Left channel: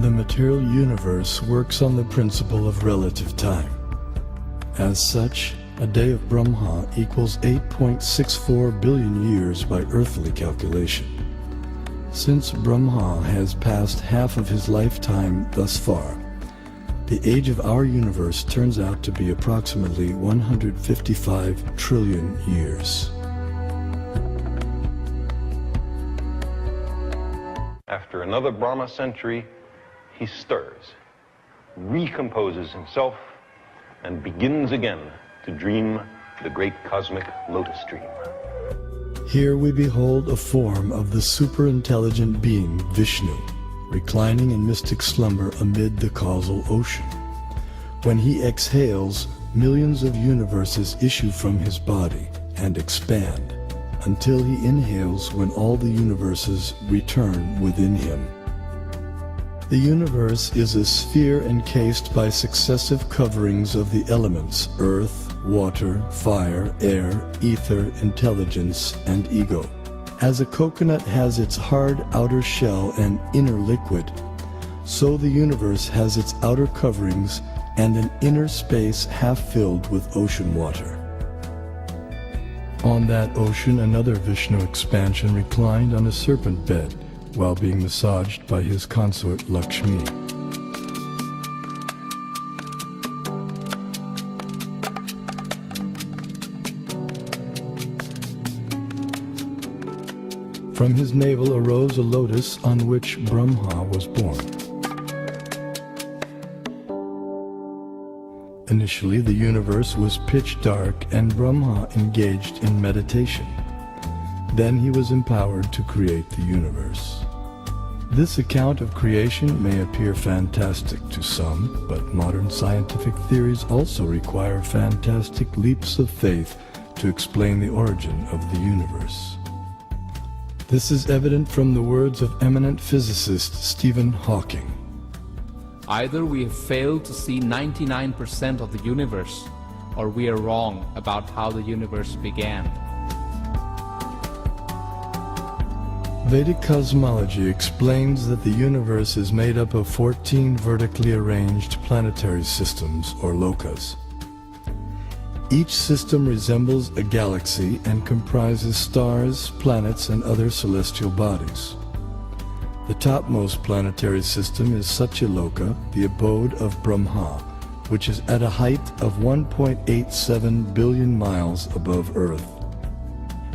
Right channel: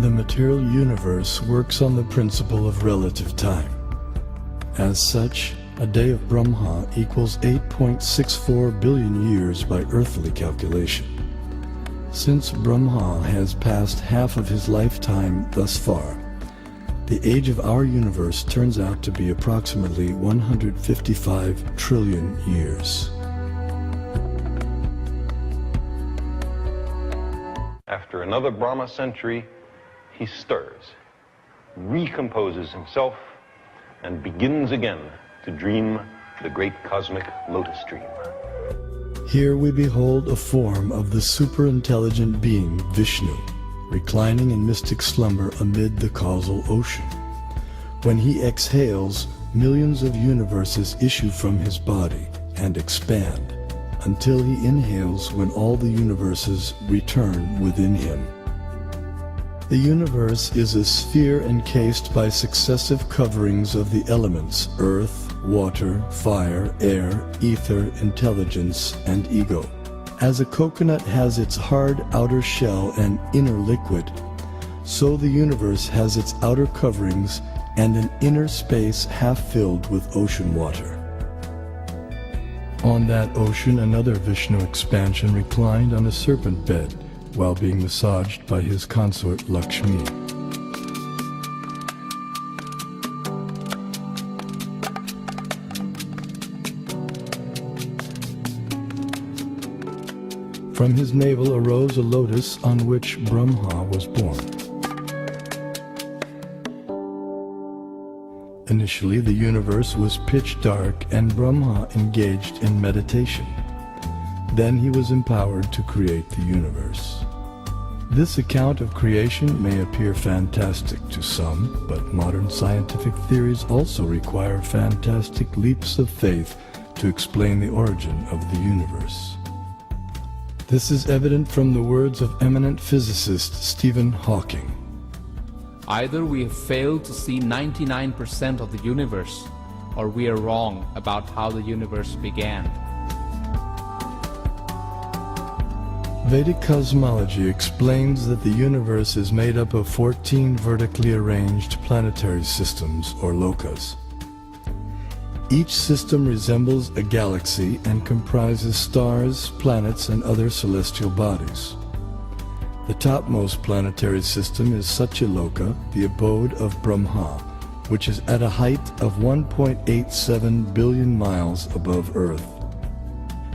The material universe works on the principle of relative time. As such, a day of Brahma equals 8.64 billion years by earthly calculation. Since Brahma has passed half of his lifetime thus far, the age of our universe turns out to be approximately 155 trillion years. After another Brahma century, he stirs, recomposes himself, and begins again to dream the great cosmic lotus dream. Here we behold a form of the superintelligent being Vishnu, reclining in mystic slumber amid the causal ocean. When he exhales, millions of universes issue from his body and expand, until he inhales when all the universes return within him. The universe is a sphere encased by successive coverings of the elements: earth, water, fire, air, ether, intelligence, and ego. As a coconut has its hard outer shell and inner liquid, so the universe has its outer coverings and an inner space half filled with ocean water. On that ocean, another Vishnu expansion reclined on a serpent bed while being massaged by his consort Lakshmi. From his navel arose a lotus on which Brahma was born. Initially, the universe was pitch dark and Brahma engaged in meditation. Then he was empowered to create the universe. This account of creation may appear fantastic to some, but modern scientific theories also require fantastic leaps of faith to explain the origin of the universe. This is evident from the words of eminent physicist Stephen Hawking. Either we have failed to see 99% of the universe, or we are wrong about how the universe began. Vedic Cosmology explains that the universe is made up of 14 vertically arranged planetary systems, or lokas. Each system resembles a galaxy and comprises stars, planets, and other celestial bodies. The topmost planetary system is Satyaloka, the abode of Brahma, which is at a height of 1.87 billion miles above Earth.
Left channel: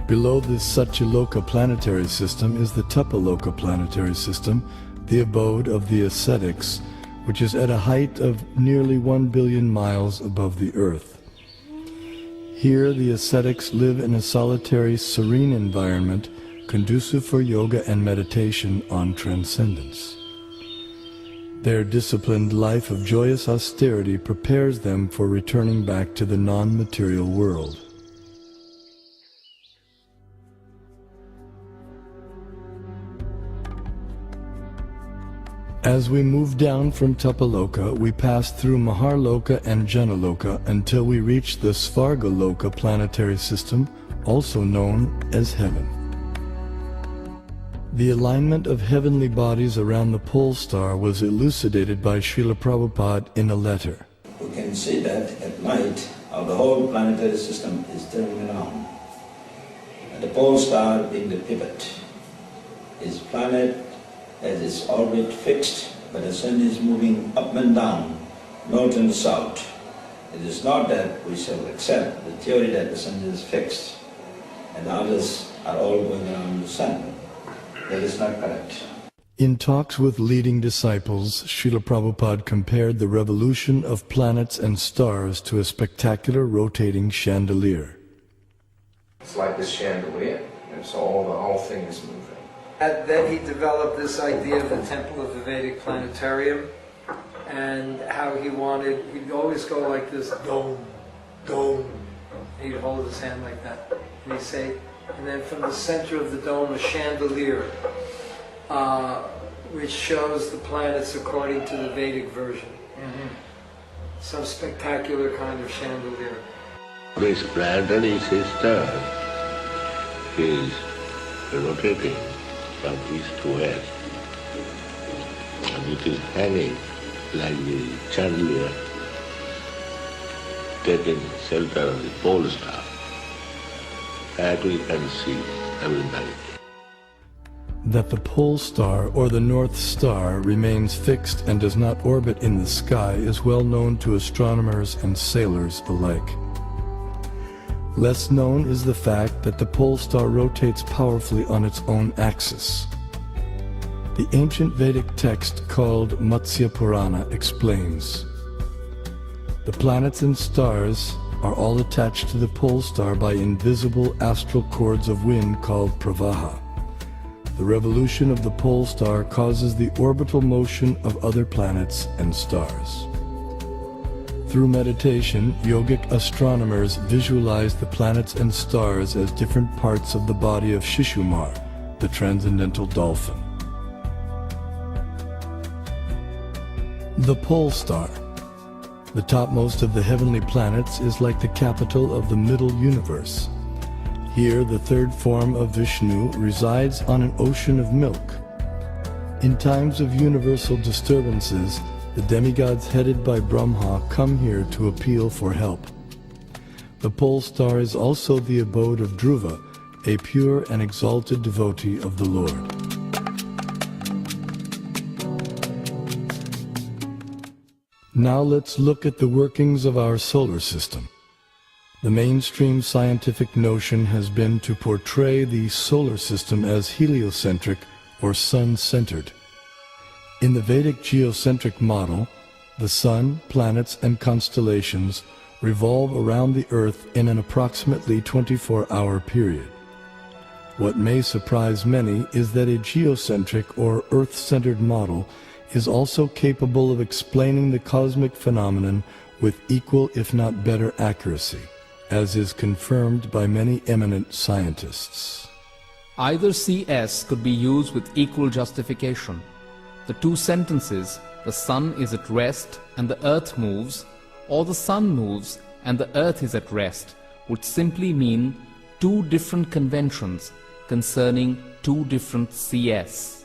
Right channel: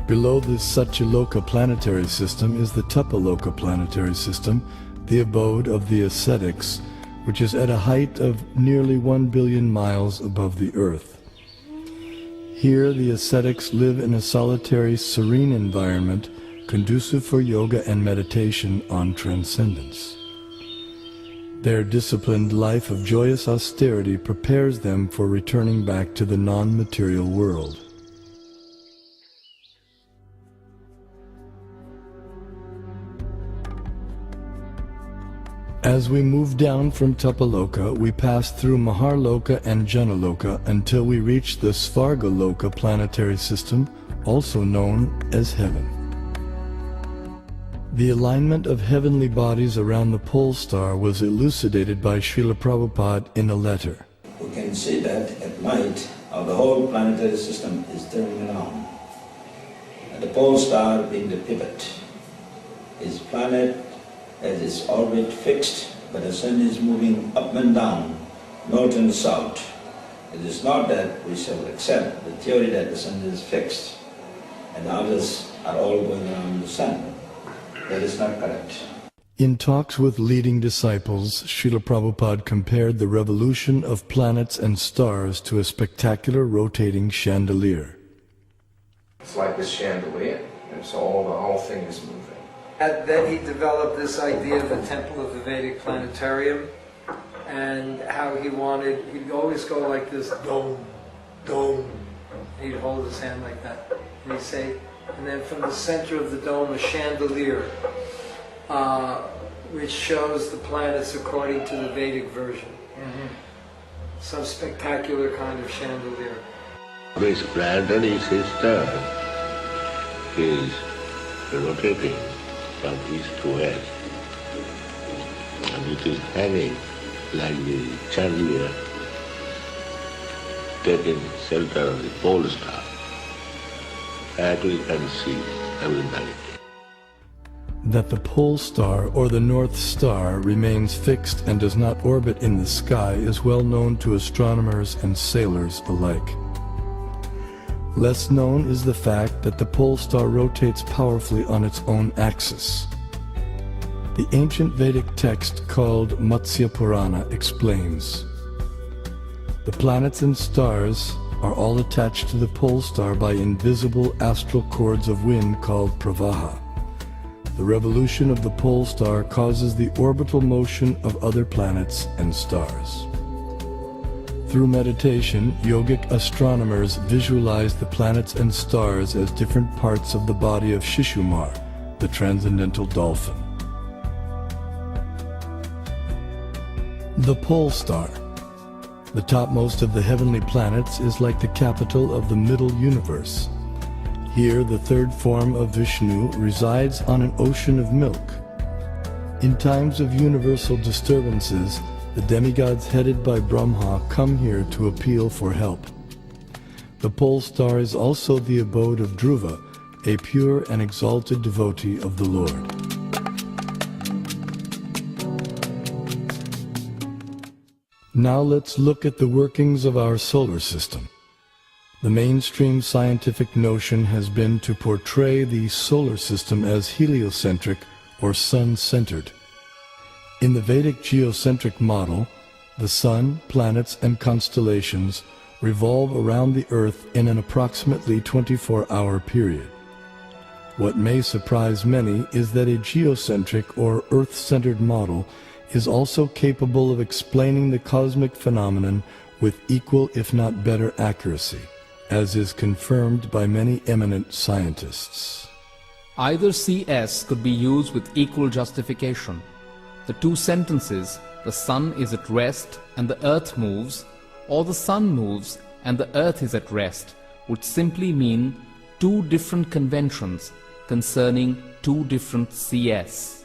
Below this Satyaloka planetary system is the Tapaloka planetary system, the abode of the ascetics, which is at a height of nearly 1 billion miles above the Earth. Here the ascetics live in a solitary, serene environment conducive for yoga and meditation on transcendence. Their disciplined life of joyous austerity prepares them for returning back to the non-material world. As we move down from Tapaloka, we pass through Maharloka and Janaloka until we reach the Svargaloka planetary system, also known as heaven. The alignment of heavenly bodies around the pole star was elucidated by Srila Prabhupada in a letter. You can see that at night the whole planetary system is turning around. And the pole star being the pivot. Its planet has its orbit fixed, but the sun is moving up and down, north and south. It is not that we shall accept the theory that the sun is fixed and others are all going around the sun. That is not correct. In talks with leading disciples, Srila Prabhupada compared the revolution of planets and stars to a spectacular rotating chandelier. It's like this chandelier, and so the whole thing is moving. And then he developed this idea of the temple of the Vedic planetarium, and how he'd always go like this, dome, dome. He'd hold his hand like that, and he'd say, and then from the center of the dome, a chandelier, which shows the planets according to the Vedic version. Some spectacular kind of chandelier. This planetary system is rotating from east to west. And it is hanging like the chandelier, taking shelter of the pole star. That we can see every night. That the pole star or the North Star remains fixed and does not orbit in the sky is well known to astronomers and sailors alike. Less known is the fact that the pole star rotates powerfully on its own axis. The ancient Vedic text called Matsya Purana explains, the planets and stars are all attached to the pole star by invisible astral cords of wind called pravaha. The revolution of the pole star causes the orbital motion of other planets and stars. Through meditation, yogic astronomers visualize the planets and stars as different parts of the body of Shishumar, the transcendental dolphin. The pole star, the topmost of the heavenly planets, is like the capital of the middle universe. Here, the third form of Vishnu resides on an ocean of milk. In times of universal disturbances, the demigods headed by Brahma come here to appeal for help. The pole star is also the abode of Dhruva, a pure and exalted devotee of the Lord. Now let's look at the workings of our solar system. The mainstream scientific notion has been to portray the solar system as heliocentric or sun-centered. In the Vedic geocentric model, the sun, planets, and constellations revolve around the Earth in an approximately 24-hour period. What may surprise many is that a geocentric or Earth-centered model is also capable of explaining the cosmic phenomenon with equal if not better accuracy, as is confirmed by many eminent scientists. Either CS could be used with equal justification. The two sentences, the sun is at rest and the earth moves, or the sun moves and the earth is at rest, would simply mean two different conventions concerning two different CS.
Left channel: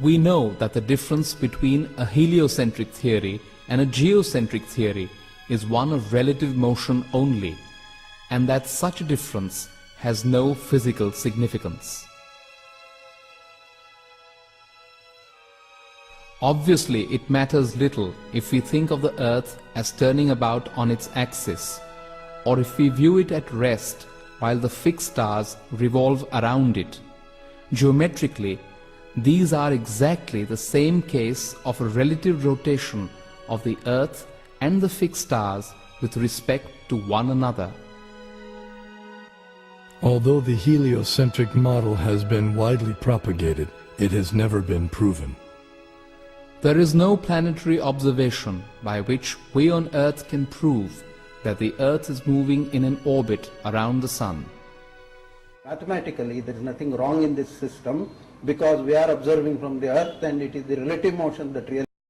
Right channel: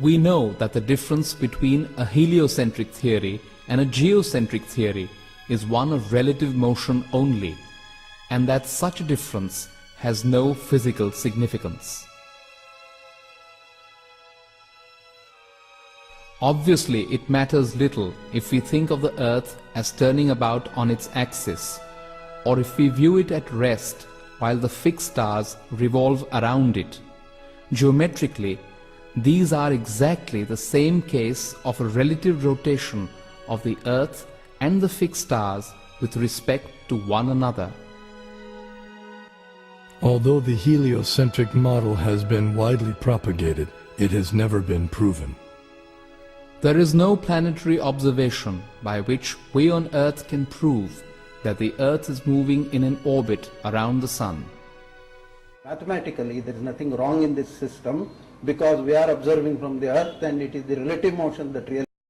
We know that the difference between a heliocentric theory and a geocentric theory is one of relative motion only, and that such a difference has no physical significance. Obviously, it matters little if we think of the Earth as turning about on its axis, or if we view it at rest while the fixed stars revolve around it. Geometrically, these are exactly the same case of a relative rotation of the Earth and the fixed stars with respect to one another. Although the heliocentric model has been widely propagated, it has never been proven. There is no planetary observation by which we on Earth can prove that the Earth is moving in an orbit around the Sun. Mathematically, there is nothing wrong in this system because we are observing from the Earth and it is the relative motion that really